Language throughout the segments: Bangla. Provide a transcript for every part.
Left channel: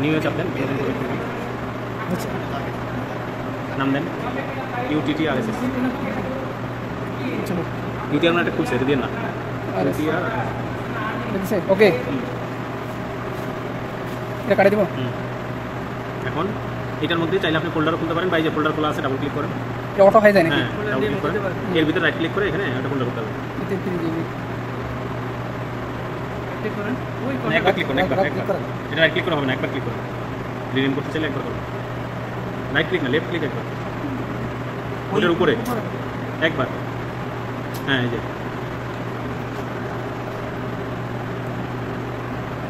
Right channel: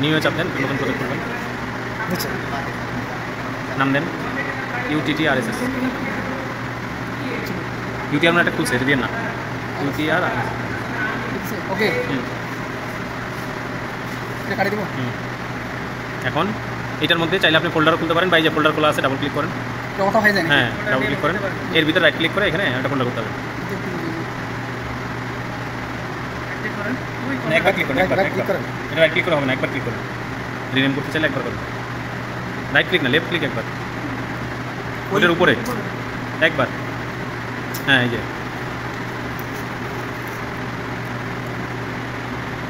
নিউ চাপ দেন, আচ্ছা নাম দেন UTTRSS। ইউটি আমরা একটা খুলছে, এটা দিয়ে না UTR। ওকে এটা কাটে দিব। এখন এটার মধ্যে চাইলে আপনি ফোল্ডারও খুলতে পারেন, বা এই যে ফোল্ডার খোলা আছে ডাবল ক্লিক করেন। ওটা হয়ে যায় না? হ্যাঁ ডাবল ক্লিক করেন, এর ভিতরে রাইট ক্লিক করে এখানে একটা ফোল্ডার করতে হবে। একবার ক্লিক করেন, একবার ক্লিক করেন, এটা রাইট ক্লিক করে হবে না, একবার ক্লিক করুন। রিনেম করতে চাইলে একবার করুন, রাইট ক্লিক না লেফট ক্লিক একবার, ওইটার উপরে একবার। হ্যাঁ এই যে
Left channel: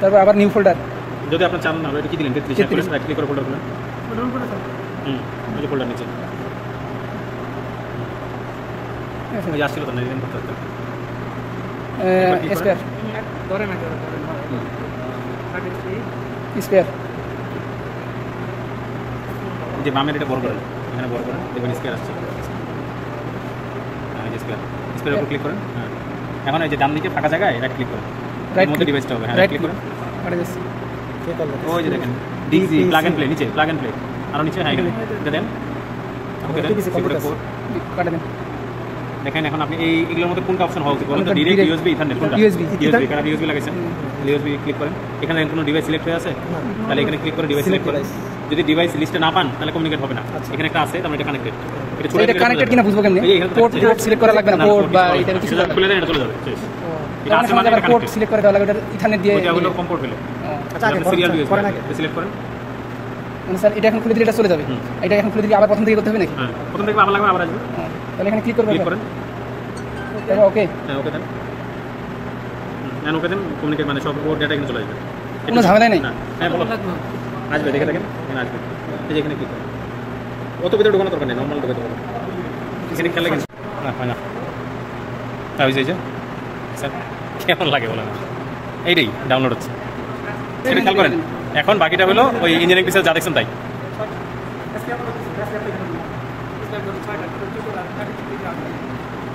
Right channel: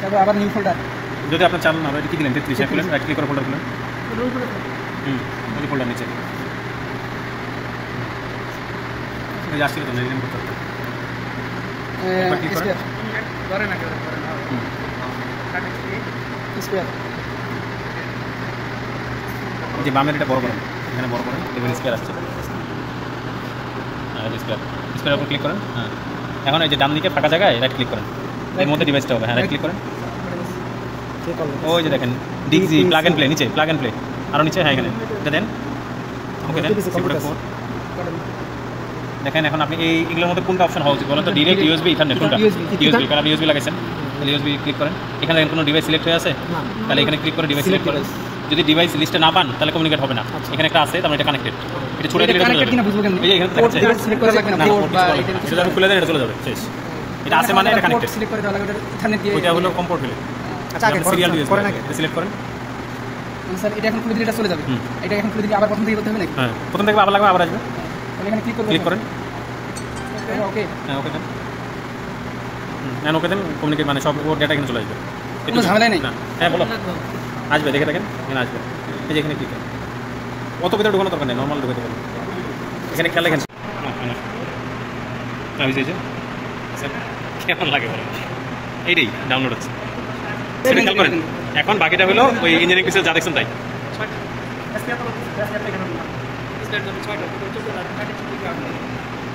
তারপর আবার নিউ ফোল্ডার। যদি আপনি চান না, এটা কি দিলেন 33 খুলেন, রাইট ক্লিক করে ফোল্ডার খুলুন। ওই যে ফোল্ডার নিচে ওই আসছিল তো রিনেম করতে স্পেয়ার ধরে না কেউ স্পেয়ার যে বামের এটা বড় করেন, এখানে বড় করেন, এবার স্পেয়ার আসছে। হ্যাঁ স্পেয়ার, স্পেয়ার উপর ক্লিক করেন। হ্যাঁ এখন এই যে ডান দিকে ফাঁকা জায়গায় রাইট ক্লিক করেন, এর মধ্যে ডিভাইসটা হবে। হ্যাঁ রাইট ক্লিক করেন, ওই যে দেখেন ডিজি প্লাগ এন্ড প্লে, নিচে প্লাগ এন্ড প্লে, আরও নিচে। হ্যাঁ এখানে এটা দেন, ওকে দেন। দেখেন এখন আপনি এইগুলোর মধ্যে কোনটা অপশন হওয়া উচিত বলেন তো? ডিরেক্ট ইউএসবি, ইথারনেট, কোনটা? ইউএসবি, কারণ ইউএসবি লাগাইছেন, ইউএসবি ক্লিক করেন। এখানে কোনো ডিভাইস সিলেক্ট হয়ে আছে, তাহলে এখানে ক্লিক করে ডিভাইস সিলেক্ট করেন। যদি ডিভাইস লিস্টে না পান তাহলে কমিউনিকেট হবে না। এখানে একটা আছে, তার মানে এটা কানেক্টেড। এটা ছোট করে কানেক্টেড কিনা বুঝবো কেমনে? পোর্ট সিলেক্ট করা লাগবে না, পোর্ট বা এটা কিছু খুলে দেন, এটা চলে যাবে শেষ। এটা আছে মানে এটা কানেক্টেড, সিলেক্ট করে দেওয়া লাগবে, এটা ইথারনেট দিয়ে। এটা হলো কম পোর্ট হলো। আচ্ছা আগে করেন, আগে সিলেক্ট করেন। মানে স্যার এটা এখন খুলে দিলে এটা চলে যাবে, এটা এখন খুলে দিলে আবার প্রথম থেকে করতে হবে নাকি? হ্যাঁ প্রথম থেকে আবার লাগবে, আবার আসবে। তাহলে এখানে ক্লিক করব, ক্লিক করেন। ওকে হ্যাঁ ওকে দেন, নেন ওকে দেন। কমিউনিকেট মানে সব ডেটা এখানে চলে আসবে, কোনো ঝামেলা নেই। হ্যাঁ বলো আসবে, দেখে দেখেন এখানে আসবে। এই যে এখানে ক্লিক করেন, কত ভিতরে ঢুকানো দরকার নেই, নর্মাল ঢুকাতে হবে। এখানে খেয়াল রাখেন। হ্যাঁ না ওই যে কেমন লাগে বলো, এইটাই ডাউনলোড হচ্ছে, সেটা খেয়াল করেন। এখন বাকিটা হলো ওই ইঞ্জিনিয়ারিং পিসে যা দেখছেন তাই।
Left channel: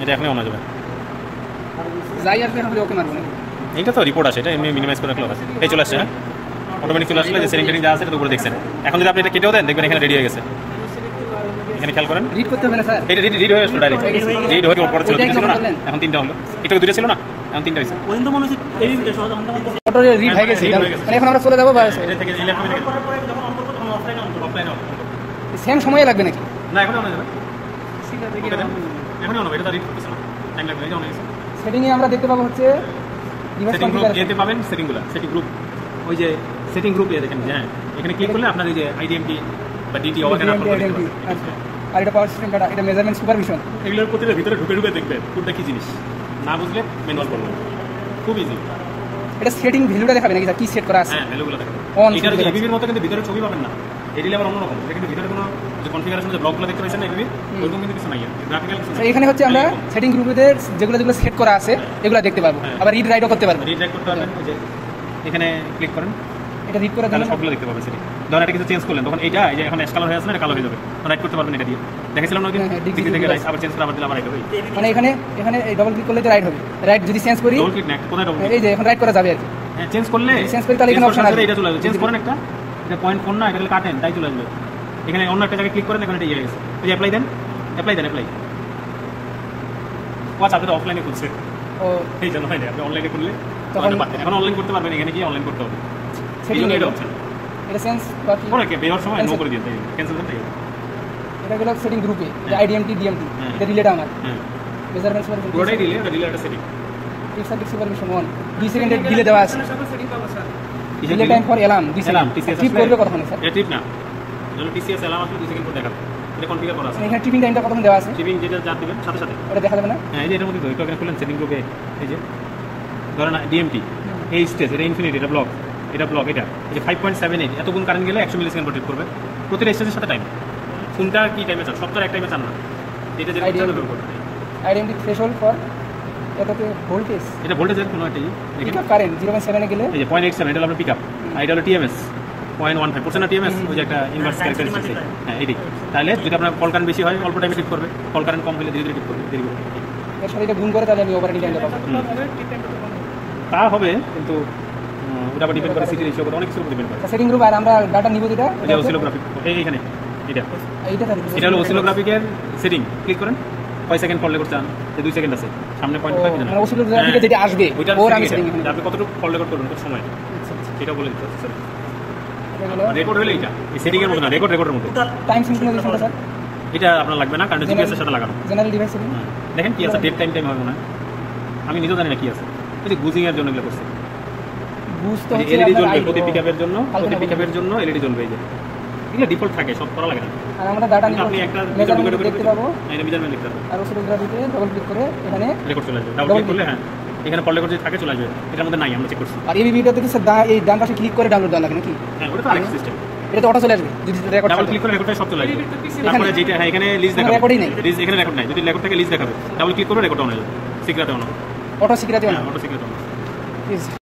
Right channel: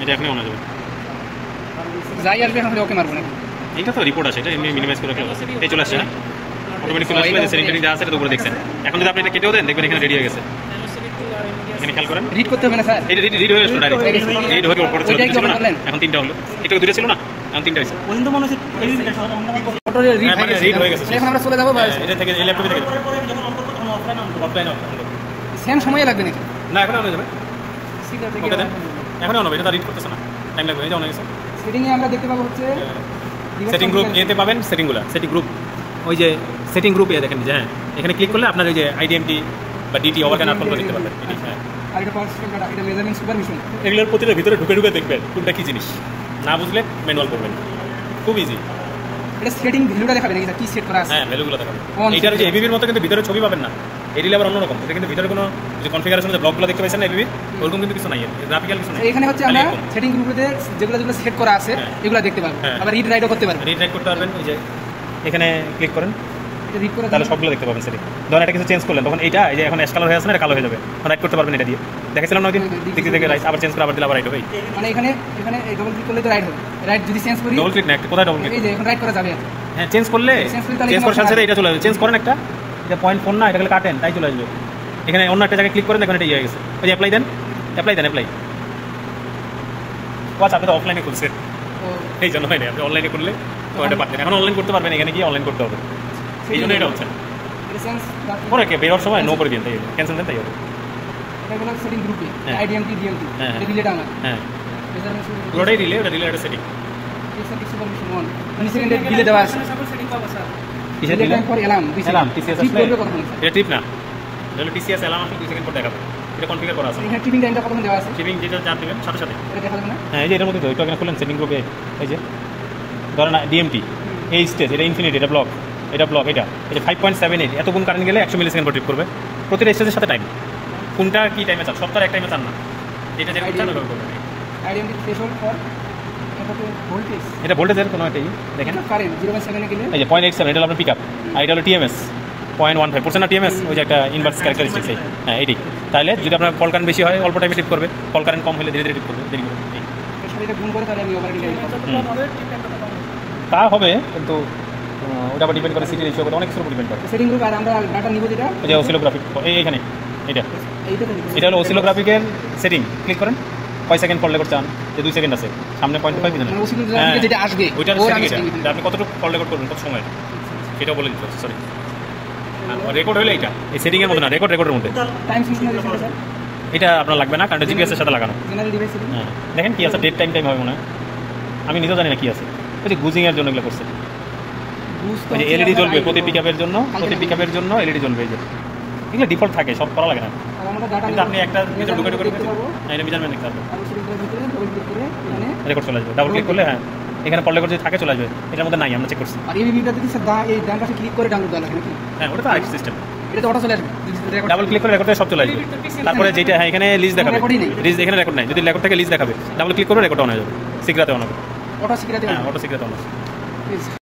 এটা এখনই অন হয়ে যাবে, যাই আসবে এখন ওকে মারবো না। এইটা তো রিপোর্ট আছে, এটা এমনি মিনিমাইজ করে রাখলে এই চলে আসছে। হ্যাঁ অটোমেটিক চলে আসলে সেটিং দেওয়া আছে, এটা উপরে দেখছেন। এখন যদি আপনি এটা কেটেও দেন দেখবেন এখানে রেডি হয়ে গেছে। এখানে খেয়াল করেন, রিড করতে হবে না স্যার, এটা রিড হয়ে আসছে ডাইরেক্ট, রিড হয়ে উপরে চলে আসছে। এখন তিনটা হলো, এটা দূরে ছিল না, এখন তিনটা হয়েছে। ওই তো মনে হচ্ছে এই রিড হয়ে গেছে, এখন আমরা চলে যাবো। এটা থেকে এই ল্যাপটপে থেকে যখন অন করব তখন অফলাইন অফ সেম সময় লাগবে নাকি? না এখন অন হয়ে যাবে। ওকে দেন, এখন অন হবে, এটা রিড করতেছ না, টাইম লাগবে। এই যে অন হয়ে গেছে। সেটিং এ আমরা দেখতে পাবো হচ্ছে সেটিং গ্রুপ, এতে পাবেন সেটিংগুলো, সেটিং গ্রুপ, ওই যে সেটিং গ্রুপ এ দেখেন। হ্যাঁ এখানে ক্লিক করলে আপনার ওই যে আইডিএমটি বা ডিটি ওভারটেন আপনারা দেখতে পাবেন। আর এটা পাওয়ার সিস্টেম ডাটা, এটা মেজারমেন্ট সুপারভিশন, এগুলোর প্রতিটা ভিতরে ঢুকে ঢুকে দেখবেন কোনটা কি জিনিস, না বুঝলে ম্যানুয়াল করবেন, খুব ইজি। এটা সেটিং ভ্যালুটা দেখাবে নাকি কি সেট করা আছে? হ্যাঁ ভ্যালুগুলো দেখাবে। এটার যে এবিবির মতো কিন্তু ভিতরে ছবি পাবেন না, এডিলে আবার অন্যরকম। এটা কিন্তু ভিতরে কোনো যে কনফিগারেশনের যে ব্লকগুলো দেখতে পাচ্ছেন না এবিবি, ওরকম কিন্তু কিছু নাই, গ্রাফিক্যাল কিছু নাই। এখানে হচ্ছে আমরা সেটিং গ্রুপে যেগুলো যেগুলো সেট করা আছে এগুলো দেখতে পাবো, আবার রিড রাইটও করতে পারবো। রিড রাইট করতে পারবেন, এই যে এখানে ক্লিক করেন, এটা রিড করা তাহলে সবগুলো দেখতে পাবেন সেটিং। ধরুন এটা কিছু চেঞ্জ করলেন, তখন এইটা এই যে এখন অ্যাশ কালার হয়ে আছে না, এটা কালো হয়ে যাবে, রাইট করতে পারবেন এটা দিয়ে। দেখেছিলাম না ওই দিন দিকে থেকে রাইট, আবার চেঞ্জ করে আবার দিলে আবার রাইট হবে। মানে এখানে এই ডাবল ক্লিক করলে তো রাইট হবে, রাইট যদি চেঞ্জ করি ডাবল ক্লিক না, কোথায় ডাবল ক্লিক? এই যে এখন রাইট করা যাবে আর কি। হ্যাঁ চেঞ্জ করলে তাহলে এখানে অপশন আছে, এটা চলে আসবে। চেঞ্জ করেন একটা, এটা পয়েন্ট ফোন না, এটা খালি কাটেন, তাই চলে আসবে। এখানে অন্য একটা জায়গায় ক্লিক করেন, এখন এটা ইয়ে হয়ে গেছে। ওই যে অ্যাপ্লাই দেন, অ্যাপ্লাই দেন, অ্যাপ্লাই। ওয়াচ আপনি তো অফলাইনে খুলছে, এই জন্য হয় না। আপনি অনলাইনে করলে এখন অনলাইন করতে পারবেন, এখানে গিয়ে অনলাইন করতে হবে, এই জন্য এটা হচ্ছে না। এটা চেঞ্জ মনে কি বেরোর সময় নো করে দিন, তাই ক্যান্সেল দেন, তাই হবে। এটা হলো সেটিং গ্রুপে আইডিএমটি ডিএমটি, এটা রিলেট আমরা। হ্যাঁ মেজারমেন্ট সুপারভিশন, পুরোটাই রিলে, এটা রিলে, এটা সেটিং। টেক্সট সুপারভিশন 1 2 সেকেন্ডের ডিলে দেওয়া আছে। সেটিং পাবো স্যার, কিসের delay time for alarm 2 second. টিপ করলে কথা না স্যার, এটা টিপ না, এটা টিসিএস অ্যালার্ম 2 সেকেন্ড পর দেখাবে, এটা কনফিগার করা আছে। এখানে টিপিং টাইমটা কত দেওয়া আছে, টিপিং যেটা চাপ দিবেন সাথে সাথে এটা দেখা যাবে না। হ্যাঁ এই যে এর মধ্যে তো একটু এখানে খুলেন সেটিং গ্রুপে, এই যে ধরেন ডিএমটি এই স্টেজ, এটা ইনফিনিটি, এটা ব্লক, এটা ব্লক, এটা এই যে 5.78 এতক্ষণ কারেন্ট গেলে 100 মিলিসেকেন্ড পর ট্রিপ করবে। প্রতিটা স্টেজের সাথে টাইম, কোনটা কি টাইমে চান, সপ্তাহে এক টাইমে চান না, এটা যেটা চান আইডেন্টি থ্রেশহোল্ড ফর এটা তো ভোল্টেজ, এটা ভোল্টেজের কোনো একটা দেখেন কারেন্ট 0.7 এ গেলে এই যে 0.87 এটা আপনার পিকআপ, আর এটা হলো টিএমএস 0.15% না টিএমএস, ওই যে একটা ইনভার্স ক্যারেক্টারিস্টিক্স। হ্যাঁ এটাই, তাহলে যদি আপনার ফল কারেন্ট বেশি হয় অল্প টাইমে ট্রিপ করবে, ফল কারেন্ট কম হলে ধীরে ধীরে ট্রিপ করবে। এর সাথে এটা গুণ করে তাহলে আমি ওভারঅল টাইম তা হবে, কিন্তু ওটা আবার ডিপেন্ড করে সিটি রেশিও করে অনেক কিছু ডিপেন্ড করে। সেটিং গ্রুপ আর আমরা ডাটা নিব যেটা এই যে অসিলোগ্রাফিক এইখানে এটা এইটা এটা হলো অসিলোগ্রাফিকের সেটিং। ক্লিক করেন, কয় সেকেন্ড ফল রেকর্ড চান, যে 2 সেকেন্ড আছে সামনে 0.5 মিনিট অসিলোগ্রাফিকে যেটা আসবে ওইটার ওর setting আমি setting এটা। আপনি কতটুকু ফল রেকর্ড করবেন কত সময় সেটা বলে দিতে হচ্ছে। সরি রেকর্ড হলে এটা এই সেটিং এর মধ্যে না, রেকর্ডের মধ্যে। টাইম সিনক্রোনাইজেশনটা স্যার এটা আপনার লাগবে না, কারণ জিপিএস এর সাথে লাগানো। জেনারেল ডিভাইস সেটিং হ্যাঁ, দেখেন কি আছে, ডেট টাইম হবে মনে হয়, আমি নিজেও জানি না কি আছে। ওই যে গুজিং এর জন্য এগুলো করছে, বুঝতে এই যে এলইডি জ্বলবে প্রতি পিকআপের জন্য, প্রতি পিকআপের জন্য এলইডি জ্বলবে। এই যে এগুলো ডিফল্ট থাকে, সব করা লাগে না। আর আমরা ডাটা কিন্তু আপনি একটা মেজারমেন্ট দেখতে পাবো। এটা মেজারমেন্ট দেখতে হবে, আর অসিলোগ্রাফিতে ডবল ক্লিক করে এখানে রেকর্ড চলে আসবে। ডাবল ক্লিক করলে হ্যাঁ এখানে কল রেকর্ড যদি থাকে চলে আসবে, এটার মধ্যে নাই, আমরা চেক করছি। আর এই ভিডিওতে তো স্যার এই ডান পাশে ক্লিক করে ডাউনলোড দেওয়া লাগে নাকি? হ্যাঁ ওটা তো আরেক সিস্টেম। এটা তো অটো চলে আসবে যদি রেকর্ড ডাবল ক্লিক করে রেকর্ডটা সব চলে আসবে। তারপরে যেটা হ্যাঁ এখানে লিস্ট দেখাবে, রেকর্ডই নেই। লিস্ট এখানে রেকর্ড নাই, যদি রেকর্ড থাকে লিস্ট দেখাবে, ডাবল ক্লিক করে রেকর্ড অন হয়ে যাবে, সিক্রেটে অন হবে। অটো সিকিউরিটি হ্যাঁ অটো সিক্রেট অন হবে।